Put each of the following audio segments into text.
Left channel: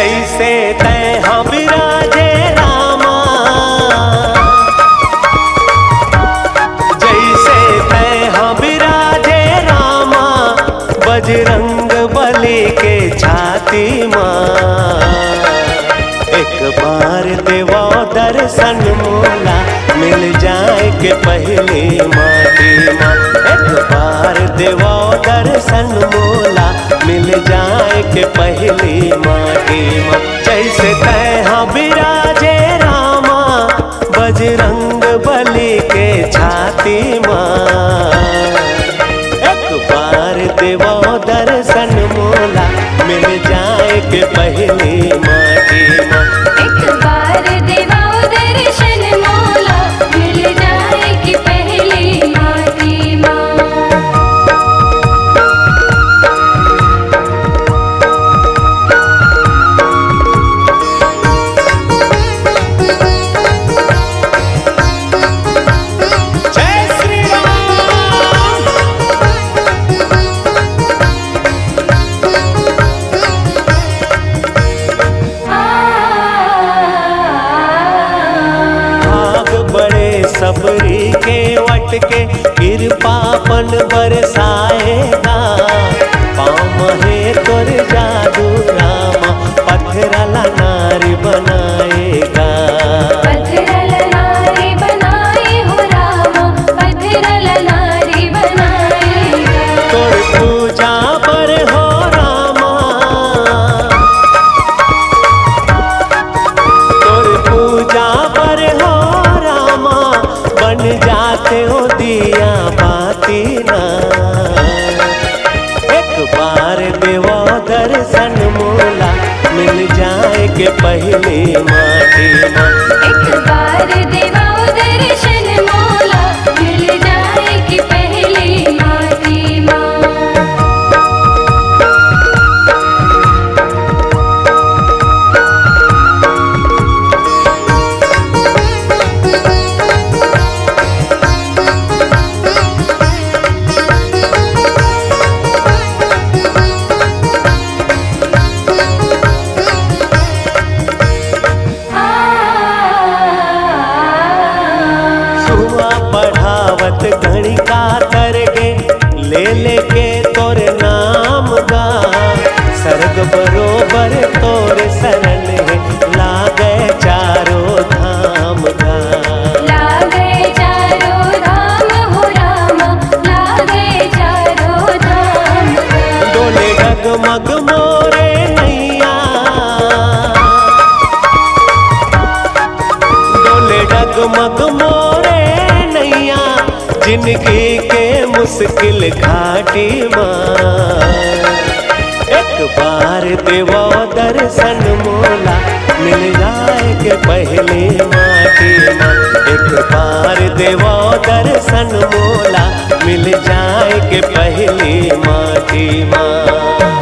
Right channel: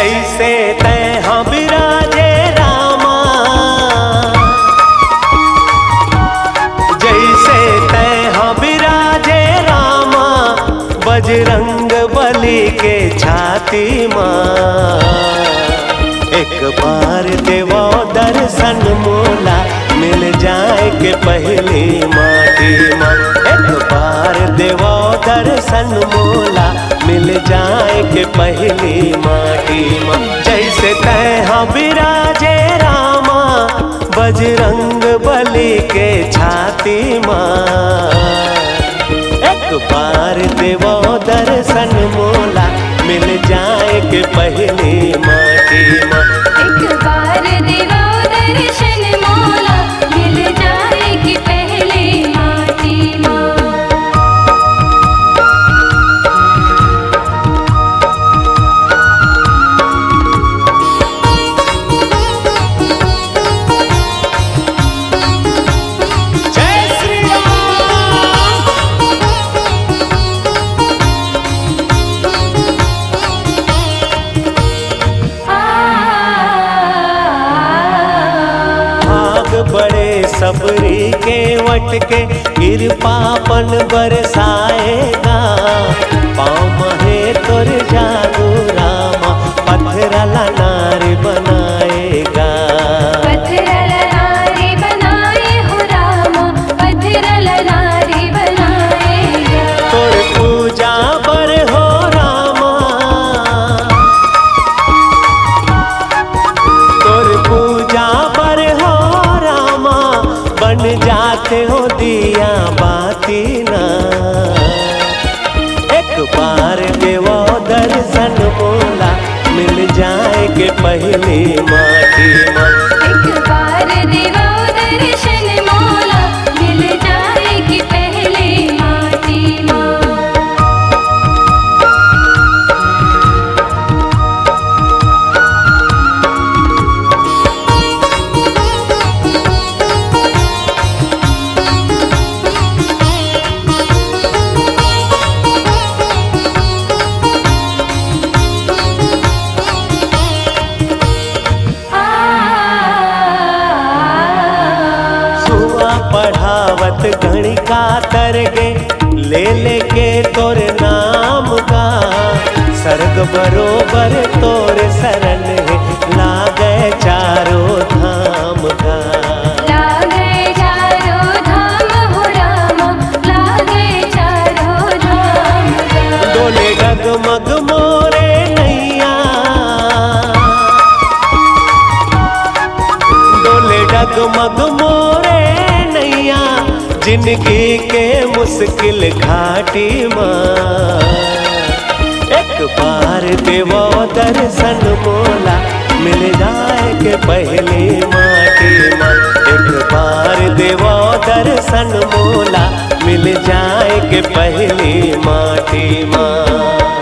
जैसे तैहा बिराजे रामा, जैसे तैहा बिराजे रामा, बजरंग बली के छाती माँ। एक बार देवो दर्शन मोला, मिल जाए के पहली माटी माँ। एक बार देवो दर्शन मोला, मिल जाए के पहली माटी माँ। जैसे तैहा बिराजे रामा, बजरंग बली के छाती माँ। एक बार देवो दर्शन मोला, मिल जाए के पहली माटी माँ। एक बार देवो दर्शन मोला, मिल जाए कि पहली माटी माँ। बड़े सबरी के वट के कृपापन बरसाएगा। पाँव महे तोर जादू रामा, पत्थरला नारी बनाएगा। पत्थरला नारी बनाए हो रामा, पत्थरला नारी बनाएगा। तोर पूजा पर हो रामा, तोर पूजा पर हो रामा, बन जाते हो दिया बाती ना। एक बार देवो दर्शन मोला, मिल जाए के पहली माटी माँ। एक बार देवो दर्शन मोला, मिल जाए कि पहली माटी माँ। पढ़ावत गणिका तरगे, ले लेके तोर नाम गा। सर्ग बरोबर तोर शरण है, लागे चारों धाम गा। लागे चारों धाम हो रामा, लागे चारों धाम गा। डोले डगमग मोरे नैया, डोले डगमग मोरे नैया, जिंदगी के मुश्किल घाटी माँ। एक बार देवो दर्शन मोला, मिल जाए के पहली माटी माँ। एक बार देवो दर्शन मोला, मिल जाए के पहली माटी माँ।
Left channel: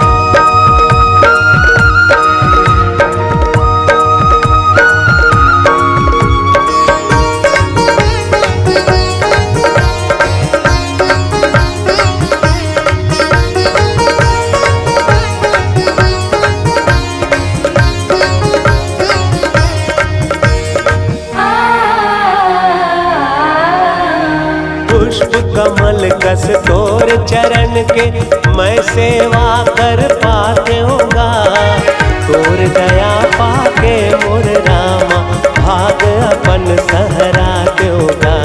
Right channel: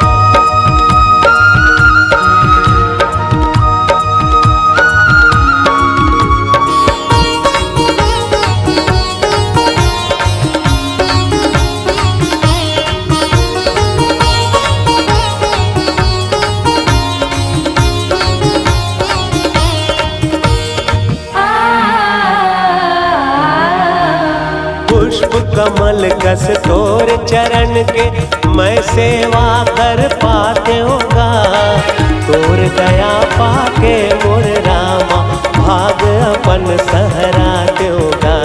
पुष्प कमल कस तोर चरण के, मैं सेवा कर पाते होगा। तोर दया पाके मोर रामा, भाग अपन सहराते होगा।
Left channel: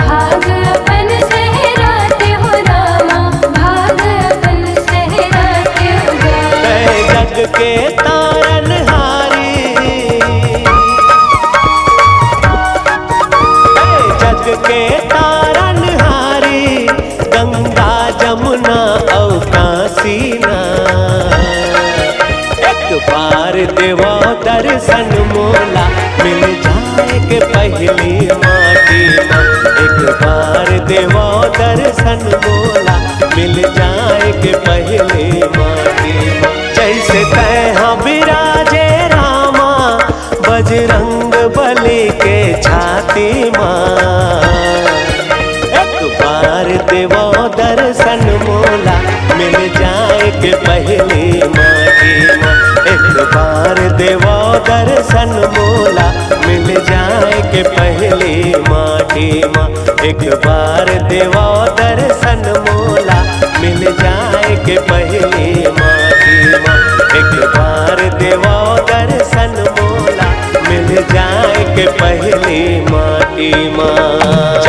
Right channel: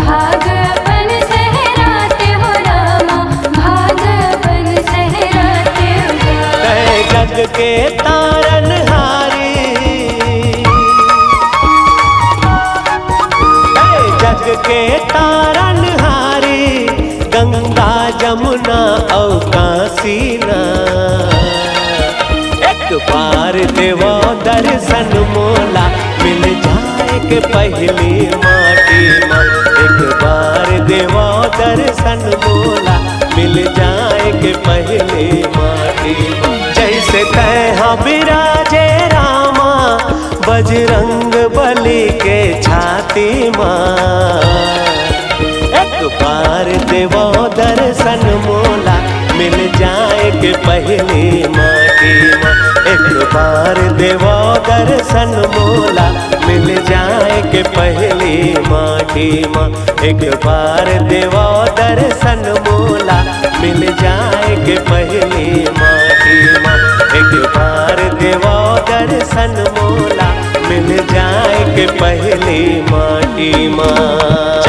भाग अपन सहराते हो रामा, भाग अपन सहराते होगा। तै जग के तारनहारी, जग के तारनहारी, गंगा जमुना औ काशी ना। एक बार देवो दर्शन मोला, मिल जाए के पहली माटी माँ। एक बार देवो दर्शन मोला, मिल जाए के पहली माटी माँ। जैसे तैहा बिराजे रामा, बजरंग बली के छाती माँ। एक बार देवो दर्शन मोला, मिल जाए के पहली माटी माँ। एक बार देवो दर्शन मोला मिल जाए के पहली माटी माँ। एक बार देवो दर्शन मोला मिल जाए के पहली माटी माँ। एक बार देवो दर्शन मोला मिल जाए के पहली माटी माँ।